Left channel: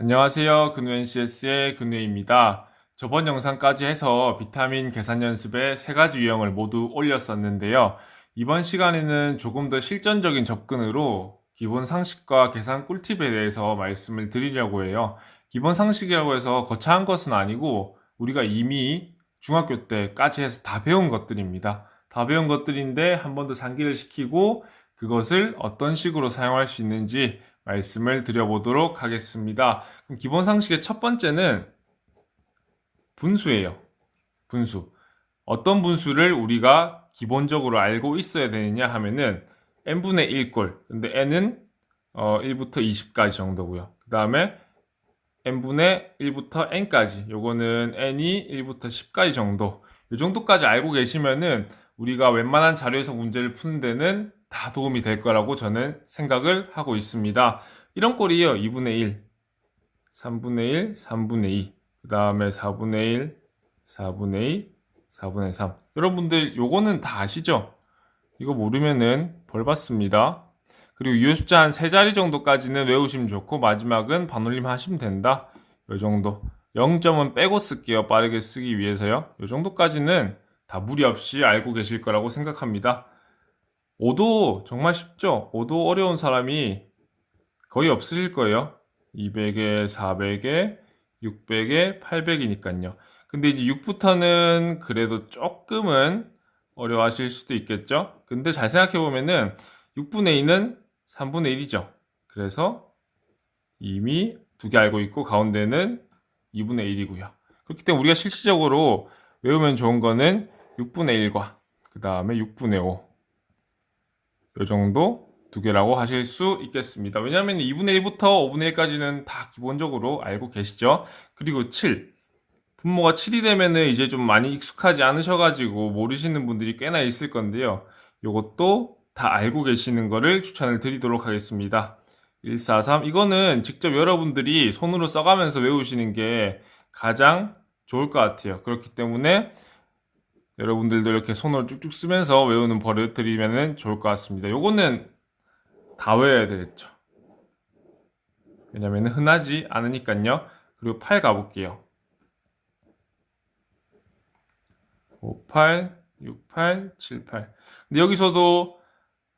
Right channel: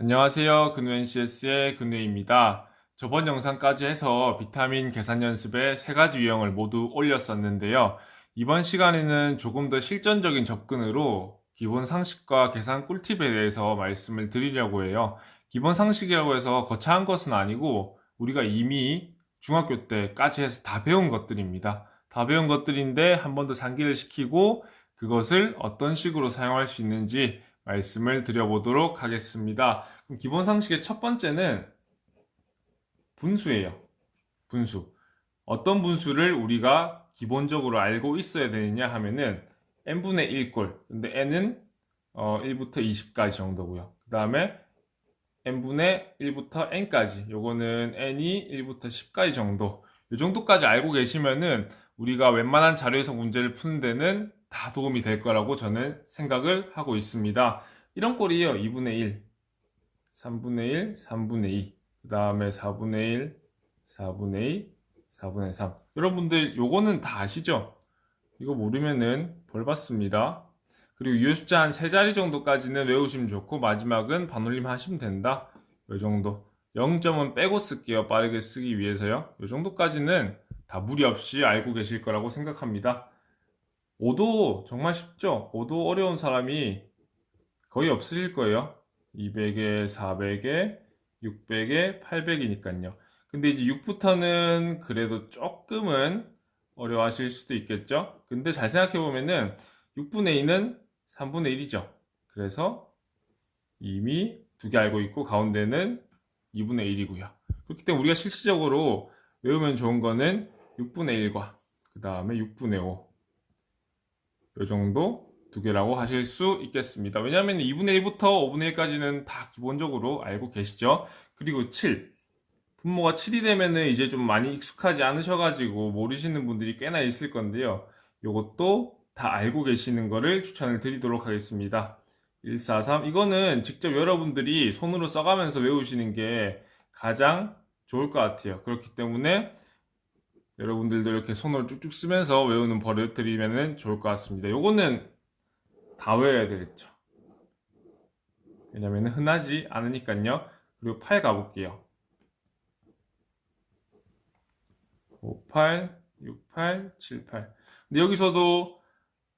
안녕하세요. 근우 NCS의 근우입니다. 저번 영상까지 해서 비타민 계산 연습에 세 가지 유형을 모두 올렸었는데요. 이번 시간에는 조금 더 실전적인 접근으로 기본 상식과 계산 꿀팁에 대해서 말씀을 드리려고 해요. 기본 상식이라고 해서 거창한 것은 아니고 우리가 이미 중학교 때까지 해서 다 배운 것들입니다. 다 배운 것들인데 한 번 더 상기를 시키고 그것을 어떤 식으로 사용할 수 있는지 말씀을 드려보도록 하겠습니다. 기본 상식의 첫 번째는 분수예요. 분수. 어떤 분수를 우리가 기본적으로 알고 있어야 되느냐 하면은 n분의 1꼴. 근데 n은 어, 1부터 20까지 정도고요. 그 다음에 n분의 1부터 n까지. 요거는 n이 1부터 10까지 정도. 요 정도까지 알고 계시면은 우리가 웬만한 자료에서 문제를 푸는 데는 다 도움이 될 거라고 저는 생각을 하고 있습니다. 이런 꼴이에요. 2분의 1, 3분의 1, 3분의 2, 그 다음에 4분의 1, 4분의 2, 4분의 3. 여러분들 요거는 다 아시죠? 이거 모르면은 벌 받습니다. 그리고 이 숫자 한 세 자리 정도까지는 외우시면 좋고 마지막은 반올림 하시면 된다. 요 정도. 0점은 빼고 쓸게요. 빠르게 쓰기 위해서요. 요 정도까지는 다 무리 없이 알고 계실 거라고 생각합니다. 5도 정말 쉽죠? 5도 어려운 사람이 거의 없으실 거예요. 200에 400에 600에 800이니까요. 근데 이제 6부터는 그래도 조금은 어려워하실 수도 있겠죠? 근데 잘 생각해 보면은 6분의 2는 3분의 1이죠. 그래서 이미 두 개 알고 있고 가운데는 2분의 1이고요. 그렇기 때문에 우리가 실질적으로 외우면 좋은 거는 6분의 1과 그 다음에 6분의 5. 요 정도 두 개라고 하실 수 있겠습니다. 왜냐하면 2분의 1부터 5분의 1까지는 다 기본적으로 알고 계시죠. 그리고 7. 분모가 7이 되면은 이제 좀 많이 익숙하지 않으셔가지고 모르시는 분들이 꽤나 있을 건데요. 요것도 다 알고 계시는 거를 추천을 드리도록 하겠습니다. 143. 이거는 직접 여러분들이 손으로 써가면서 외우시는 게 가장 좋을 것 같아요. 그렇기 때문에 여러분들도 이렇게 손으로 쭉쭉 쓰면서 외우는 버릇 들이면 좋을 것 같습니다. 요거는 다 외워야 되겠죠. 왜냐면 흔하지 않으니까요. 그리고 8 가볼게요. 5, 8, 6, 8, 7, 8. 근데 여기서도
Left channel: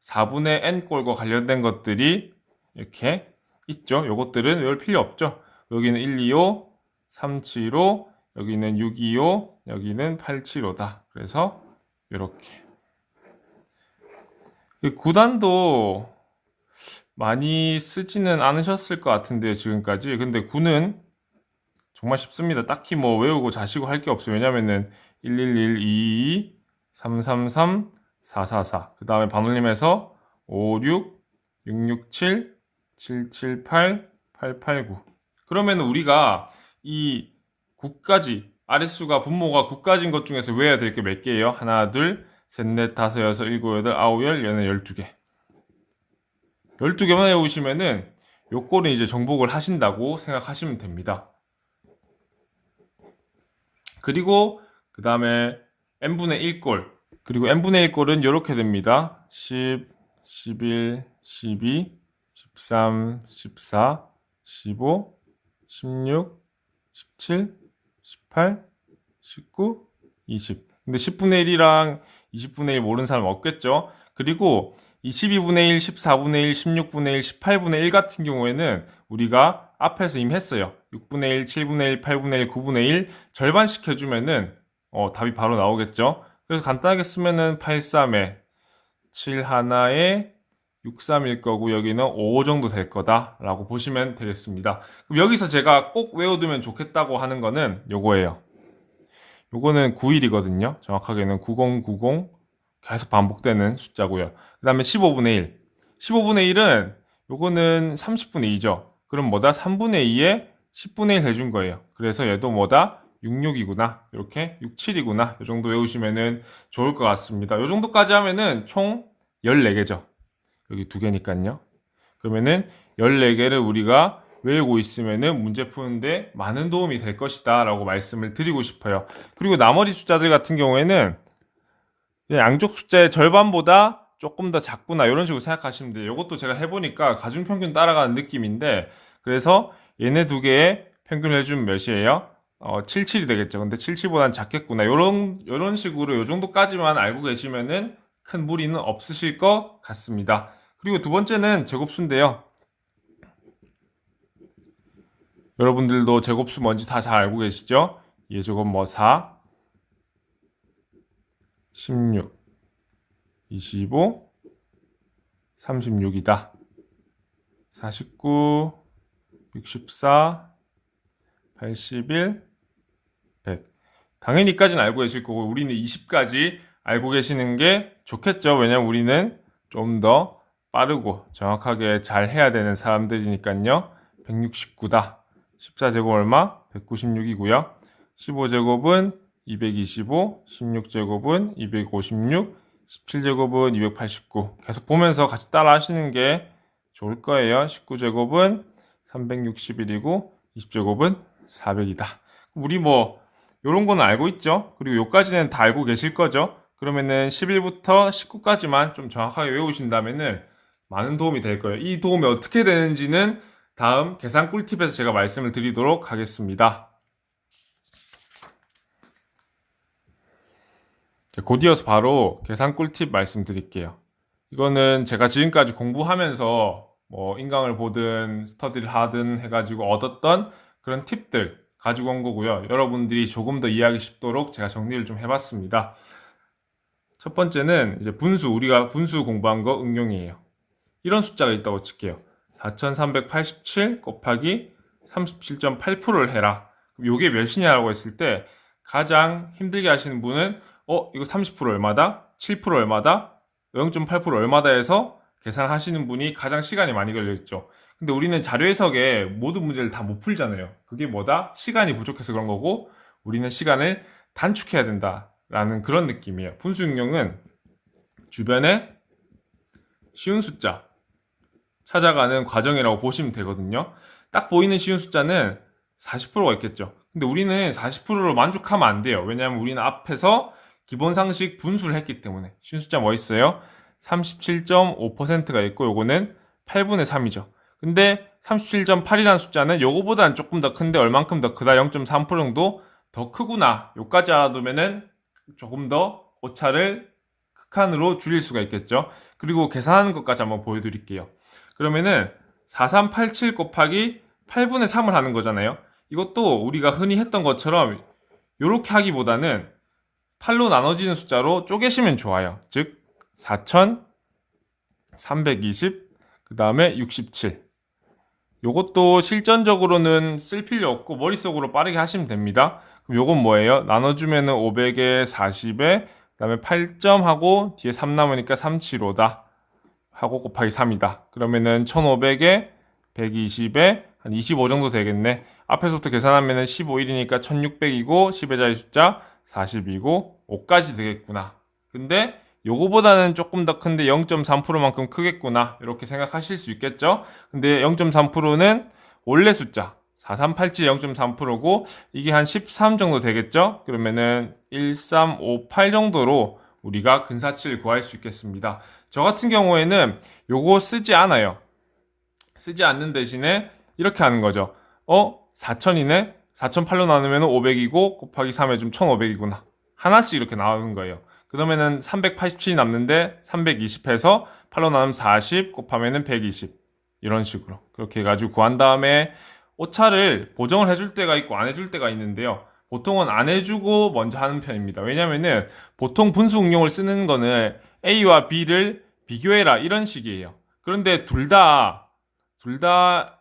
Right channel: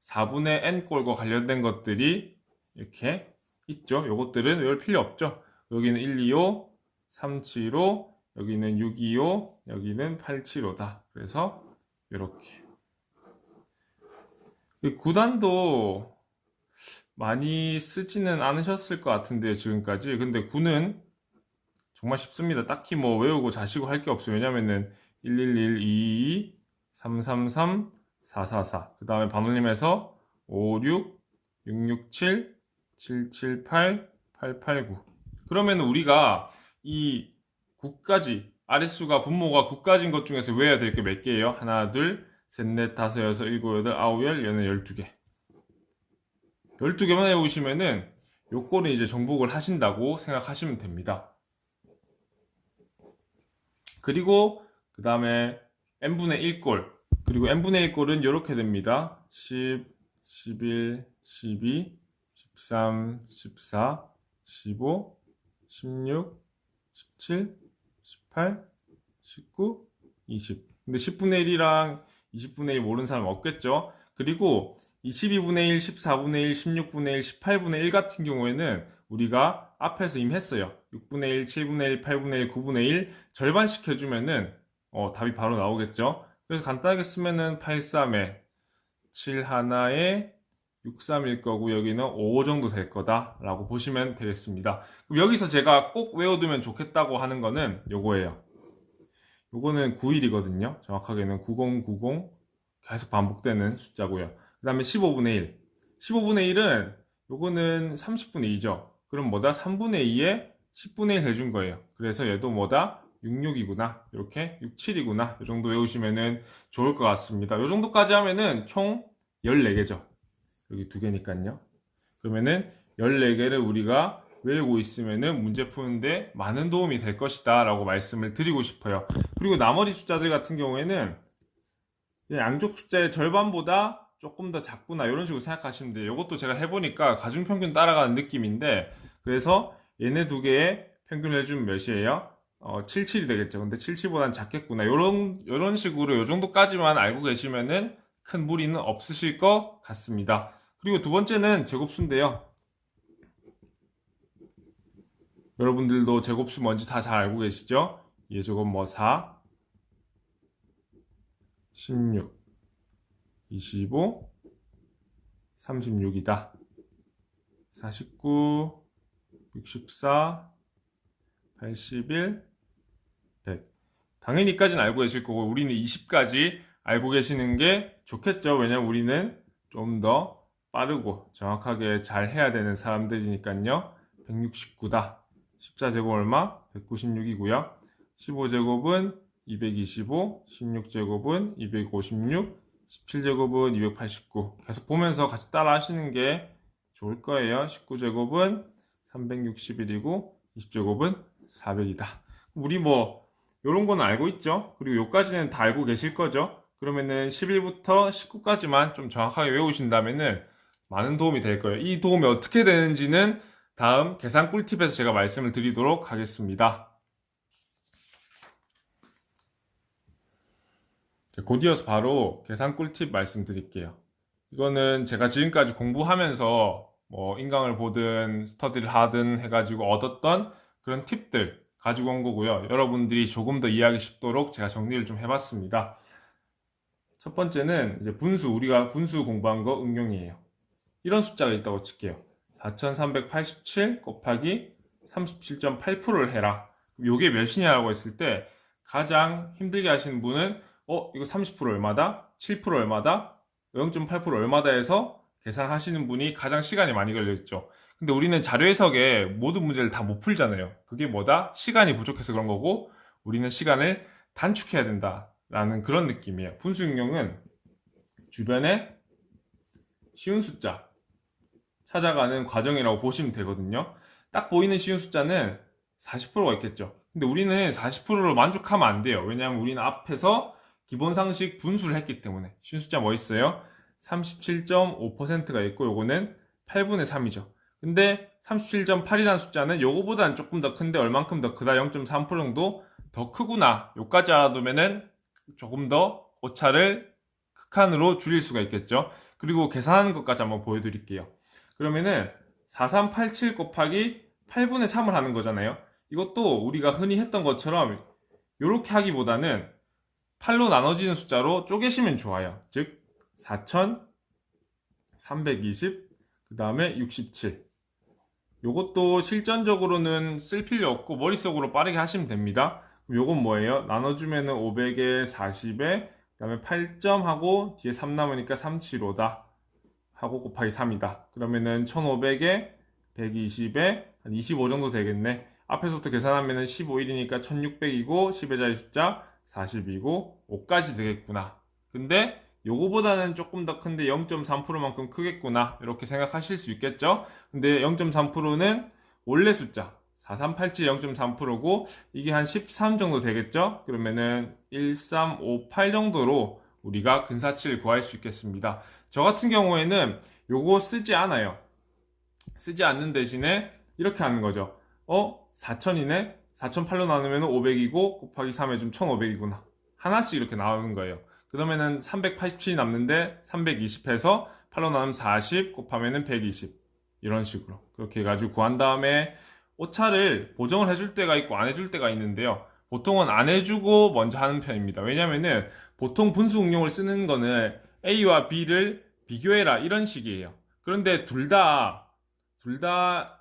4분의 n꼴과 관련된 것들이 이렇게 있죠. 요것들은 외울 필요 없죠. 여기는 1, 2, 5, 3, 7, 5, 여기는 6, 2, 5, 여기는 8, 7, 5다. 그래서 이렇게. 구단도 많이 쓰지는 않으셨을 것 같은데요, 지금까지. 근데 9는 정말 쉽습니다. 딱히 뭐 외우고 자시고 할 게 없어요. 왜냐면은 111, 222, 333, 444. 그 다음에 반올림해서 56, 667, 778, 889. 그러면 우리가 이 9까지 아랫수가 분모가 9까지인 것 중에서 외워야 될 게 몇 개예요? 하나, 둘, 셋, 넷, 다섯, 여섯, 일곱, 여덟, 아홉, 열, 열네, 열두 개. 12개만 외우시면은 요 꼴은 이제 정복을 하신다고 생각하시면 됩니다. 그리고 그 다음에 n분의 1꼴 그리고 n분의 1꼴은 이렇게 됩니다. 10, 11, 12, 13, 14, 15, 16, 17, 18, 19, 20. 근데 10분의 1이랑 20분의 1 모르는 사람 없겠죠? 그리고 이 12분의 1, 14분의 1, 16분의 1, 18분의 1 같은 경우에는 우리가 앞에서 이미 했어요. 6분의 1, 7분의 1, 8분의 1, 9분의 1 절반씩 해주면은 어, 답이 바로 나오겠죠. 그래서 간단하게 쓰면은 8, 3에 7 하나에 6, 3일 거고 여기는 5 정도 될 거다라고 보시면 되겠습니다. 그럼 여기서 제가 꼭 외워두면 좋겠다고 하는 거는 요거예요. 요거는 9일이거든요. 정확하게는 9090 계속 반복되는 숫자고요. 그 다음에 15분의 1. 15분의 1은 요거는 30분의 2죠. 그럼 뭐다? 3분의 2에 10분의 1 해준 거예요. 그래서 얘도 뭐다? 66이구나. 이렇게 67이구나. 이 정도 외우시면은 좋을 것 같습니다. 이 정도까지 하면은 총 14개죠. 여기 두 개니까요. 그러면은 14개를 우리가 외우고 있으면은 문제 푸는데 많은 도움이 될 것이다 라고 말씀을 드리고 싶어요. 그리고 나머지 숫자들 같은 경우에는 양쪽 숫자의 절반보다 조금 더 작구나 이런 식으로 생각하시면 돼요. 이것도 제가 해보니까 가중평균 따라가는 느낌인데 그래서 얘네 두 개의 평균을 해주면 몇이에요? 어, 77이 되겠죠. 근데 77보다는 작겠구나. 요런, 요런 식으로 요 정도까지만 알고 계시면은 큰 무리는 없으실 것 같습니다. 그리고 두 번째는 제곱수인데요. 여러분들도 제곱수 뭔지 다 잘 알고 계시죠? 예 제곱 뭐 4, 16, 25, 36이다. 49, 64, 81, 100. 당연히까지는 알고 계실 거고 우리는 20까지 알고 계시는 게 좋겠죠. 왜냐면 우리는 좀더 빠르고 정확하게 잘 해야 되는 사람들이니까요. 169다. 14제곱 얼마? 196이고요. 15제곱은 225, 16제곱은 256, 17제곱은 289. 계속 보면서 같이 따라 하시는 게 좋을 거예요. 19제곱은 361이고 20제곱은 400이다. 우리 뭐 요런 거는 알고 있죠? 그리고 요까지는 다 알고 계실 거죠? 그러면은 11부터 19까지만 좀 정확하게 외우신다면은 많은 도움이 될 거예요. 이 도움이 어떻게 되는지는 다음 계산 꿀팁에서 제가 말씀을 드리도록 하겠습니다. 곧 이어서 바로 계산 꿀팁 말씀드릴게요. 이거는 제가 지금까지 공부하면서 뭐 인강을 보든 스터디를 하든 해가지고 얻었던 그런 팁들 가지고 온 거고요. 여러분들이 조금 더 이해하기 쉽도록 제가 정리를 좀 해봤습니다. 첫 번째는 이제 분수, 우리가 분수 공부한 거 응용이에요. 이런 숫자가 있다고 칠게요. 4387 곱하기 37.8%를 해라. 요게 몇이냐라고 했을 때 가장 힘들게 하시는 분은 어, 이거 30% 얼마다? 7% 얼마다? 0.8% 얼마다 해서 계산하시는 분이 가장 시간이 많이 걸려있죠. 근데 우리는 자료 해석에 모든 문제를 다 못 풀잖아요. 그게 뭐다? 시간이 부족해서 그런 거고 우리는 시간을 단축해야 된다라는 그런 느낌이에요. 분수 응용은 주변에 쉬운 숫자 찾아가는 과정이라고 보시면 되거든요. 딱 보이는 쉬운 숫자는 40%가 있겠죠. 근데 우리는 40%로 만족하면 안 돼요. 왜냐하면 우리는 앞에서 기본 상식 분수를 했기 때문에 쉬운 숫자 뭐 있어요? 37.5%가 있고 요거는 8분의 3이죠. 근데 37.8이라는 숫자는 요거보다는 조금 더 큰데 얼만큼 더 크다? 0.3% 정도 더 크구나. 요까지 알아두면은 조금 더 오차를 극한으로 줄일 수가 있겠죠. 그리고 계산하는 것까지 한번 보여드릴게요. 그러면은 4387 곱하기 8분의 3을 하는 거잖아요. 이것도 우리가 흔히 했던 것처럼 이렇게 하기보다는 8로 나눠지는 숫자로 쪼개시면 좋아요. 즉 4320, 그 다음에 67. 요것도 실전적으로는 쓸 필요 없고 머릿속으로 빠르게 하시면 됩니다. 그럼 요건 뭐예요? 나눠주면은 500에 40에 그 다음에 8점 하고 뒤에 3 남으니까 375다. 하고 곱하기 3이다. 그러면은 1500에 120에 한 25 정도 되겠네. 앞에서부터 계산하면은 15일이니까 1600이고 10의 자리 숫자 40이고 5까지 되겠구나. 근데 요거보다는 조금 더 큰데 0.3%만큼 크겠구나. 이렇게 생각하실 수 있겠죠? 근데 0.3%는 원래 숫자 4387 0.3%고 이게 한 13 정도 되겠죠? 그러면은 1358 정도로 우리가 근사치를 구할 수 있겠습니다. 저 같은 경우에는 요거 쓰지 않아요. 쓰지 않는 대신에 이렇게 하는 거죠. 어? 4000이네? 4008로 나누면 500이고 곱하기 3 해주면 1500이구나. 하나씩 이렇게 나오는 거예요. 그러면은 387이 남는데 320 해서 8로 나누면 40 곱하면은 120. 이런 식으로. 그렇게 해가지고 구한 다음에 오차를 보정을 해줄 때가 있고 안 해줄 때가 있는데요. 보통은 안 해주고 먼저 하는 편입니다. 왜냐면은 보통 분수 응용을 쓰는 거는 A와 B를 비교해라 이런 식이에요. 그런데 둘 다, 둘 다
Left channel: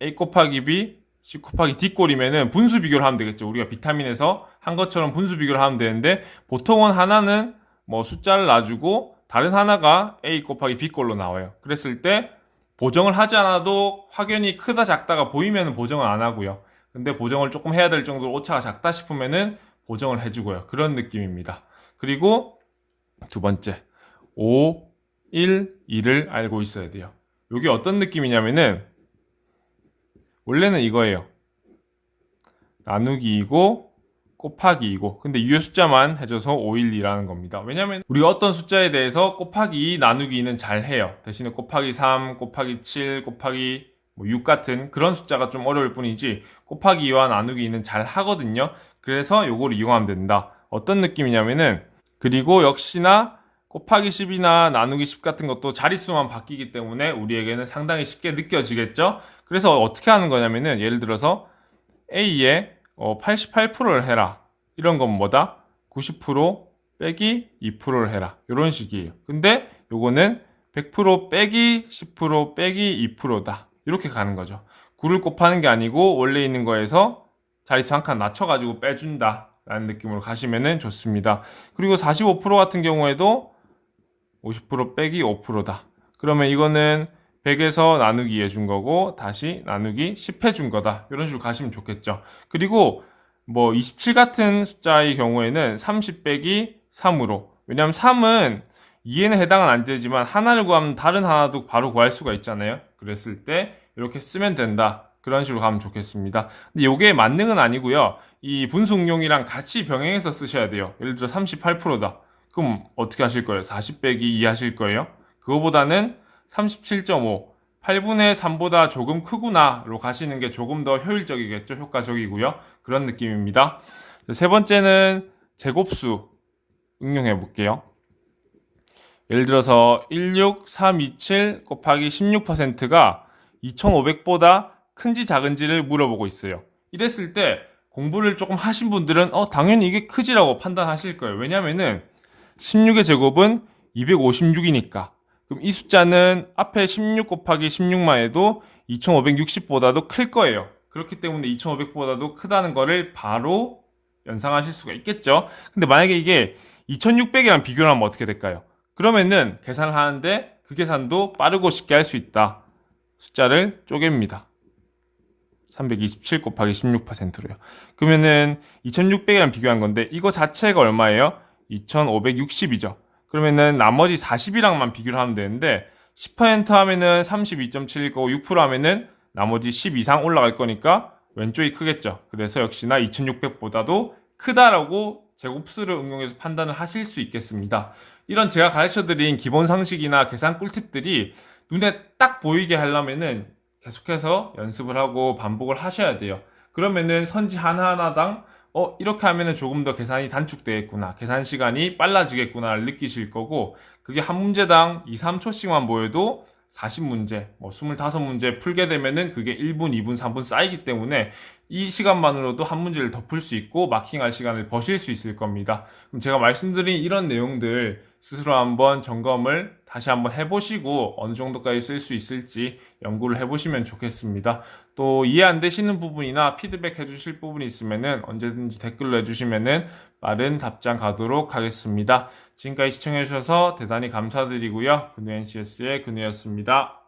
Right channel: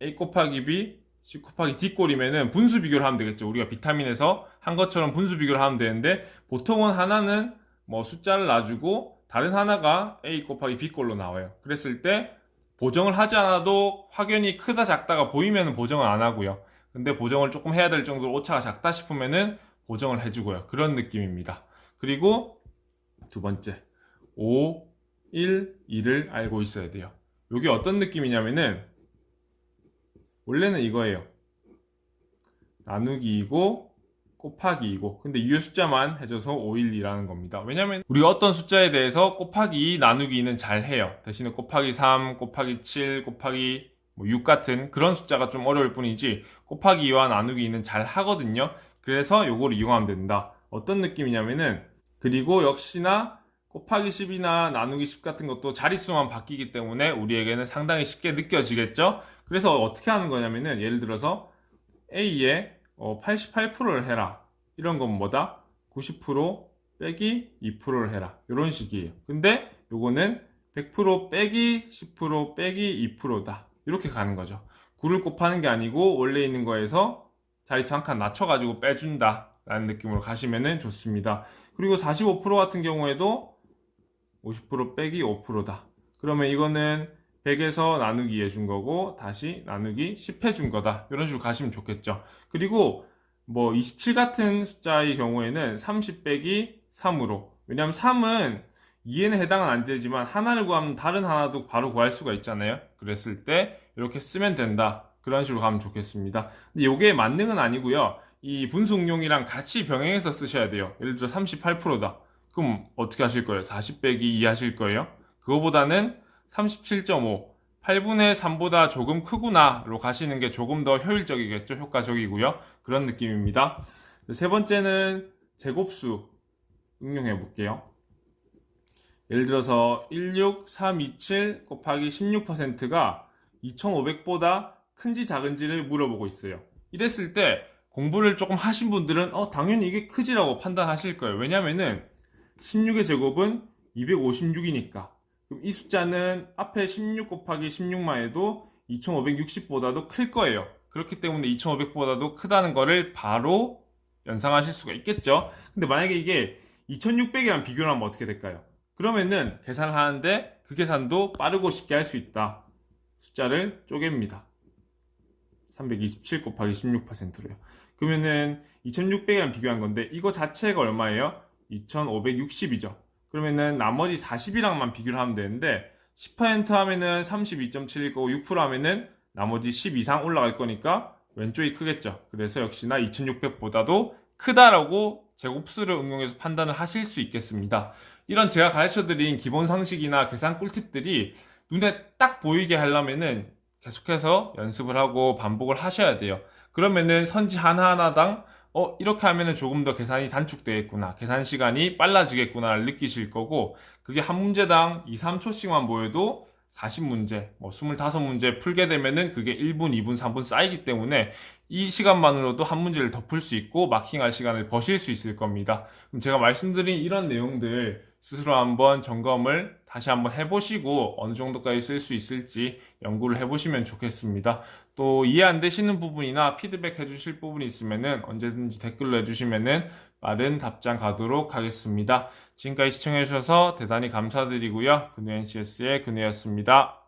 A 곱하기 B, C 곱하기 D 꼴이면은 분수 비교를 하면 되겠죠. 우리가 비타민에서 한 것처럼 분수 비교를 하면 되는데 보통은 하나는 뭐 숫자를 놔주고 다른 하나가 A 곱하기 B 꼴로 나와요. 그랬을 때 보정을 하지 않아도 확연히 크다 작다가 보이면 보정을 안 하고요. 근데 보정을 조금 해야 될 정도로 오차가 작다 싶으면은 보정을 해주고요. 그런 느낌입니다. 그리고 두 번째, 5, 1, 2를 알고 있어야 돼요. 이게 어떤 느낌이냐면은 원래는 이거예요. 나누기이고 곱하기이고 근데 유효 숫자만 해줘서 5, 1, 2라는 겁니다. 왜냐면 우리가 어떤 숫자에 대해서 곱하기 2, 나누기 2는 잘 해요. 대신에 곱하기 3, 곱하기 7, 곱하기 뭐 6 같은 그런 숫자가 좀 어려울 뿐이지 곱하기 2와 나누기 2는 잘 하거든요. 그래서 요걸 이용하면 된다. 어떤 느낌이냐면은 그리고 역시나 곱하기 10이나 나누기 10 같은 것도 자릿수만 바뀌기 때문에 우리에게는 상당히 쉽게 느껴지겠죠? 그래서 어떻게 하는 거냐면은 예를 들어서 A에 88%를 해라. 이런 건 뭐다? 90% 빼기 2%를 해라. 이런 식이에요. 근데 요거는 100% 빼기 10% 빼기 2%다. 이렇게 가는 거죠. 9를 곱하는 게 아니고 원래 있는 거에서 자릿수 한 칸 낮춰가지고 빼준다. 라는 느낌으로 가시면 좋습니다. 그리고 45% 같은 경우에도 50% 빼기 5%다. 그러면 이거는 100에서 나누기 해준 거고 다시 나누기 10 해 준 거다. 이런 식으로 가시면 좋겠죠. 그리고 뭐 27 같은 숫자의 경우에는 30 빼기 3으로 왜냐하면 3은 2에는 해당은 안 되지만 하나를 구하면 다른 하나도 바로 구할 수가 있잖아요. 그랬을 때 이렇게 쓰면 된다. 그런 식으로 가면 좋겠습니다. 근데 이게 만능은 아니고요. 이 분수 응용이랑 같이 병행해서 쓰셔야 돼요. 예를 들어 38%다. 그럼 어떻게 하실 거예요? 40 빼기 2 하실 거예요? 그거보다는 37.5, 8분의 3보다 조금 크구나로 가시는 게 조금 더 효율적이겠죠? 효과적이고요. 그런 느낌입니다. 세 번째는 제곱수 응용해 볼게요. 예를 들어서 16327 곱하기 16%가 2500보다 큰지 작은지를 물어보고 있어요. 이랬을 때 공부를 조금 하신 분들은 어 당연히 이게 크지라고 판단하실 거예요. 왜냐면은 16의 제곱은 256이니까. 그럼 이 숫자는 앞에 16 곱하기 16만 해도 2560보다도 클 거예요. 그렇기 때문에 2500보다도 크다는 거를 바로 연상하실 수가 있겠죠. 근데 만약에 이게 2600이랑 비교를 하면 어떻게 될까요? 그러면은 계산을 하는데 그 계산도 빠르고 쉽게 할 수 있다. 숫자를 쪼갭니다. 327 곱하기 16%로요. 그러면은 2600이랑 비교한 건데 이거 자체가 얼마예요? 2560이죠. 그러면은 나머지 40이랑만 비교를 하면 되는데 10% 하면은 32.7일 거고 6% 하면은 나머지 10 이상 올라갈 거니까 왼쪽이 크겠죠. 그래서 역시나 2600보다도 크다라고 제곱수를 응용해서 판단을 하실 수 있겠습니다. 이런 제가 가르쳐 드린 기본 상식이나 계산 꿀팁들이 눈에 딱 보이게 하려면은 계속해서 연습을 하고 반복을 하셔야 돼요. 그러면은 선지 하나하나당 어, 이렇게 하면은 조금 더 계산이 단축되겠구나. 계산 시간이 빨라지겠구나를 느끼실 거고, 그게 한 문제당 2, 3초씩만 모여도 40문제, 뭐 25문제 풀게 되면은 그게 1분, 2분, 3분 쌓이기 때문에 이 시간만으로도 한 문제를 더풀수 있고 마킹할 시간을 버실 수 있을 겁니다. 그럼 제가 말씀드린 이런 내용들 스스로 한번 점검을 다시 한번 해보시고 어느 정도까지 쓸 수 있을지 연구를 해보시면 좋겠습니다. 또 이해 안 되시는 부분이나 피드백 해주실 부분이 있으면은 언제든지 댓글로 해주시면은 빠른 답장 가도록 하겠습니다. 지금까지 시청해주셔서 대단히 감사드리고요. 근우 NCS의 근우였습니다.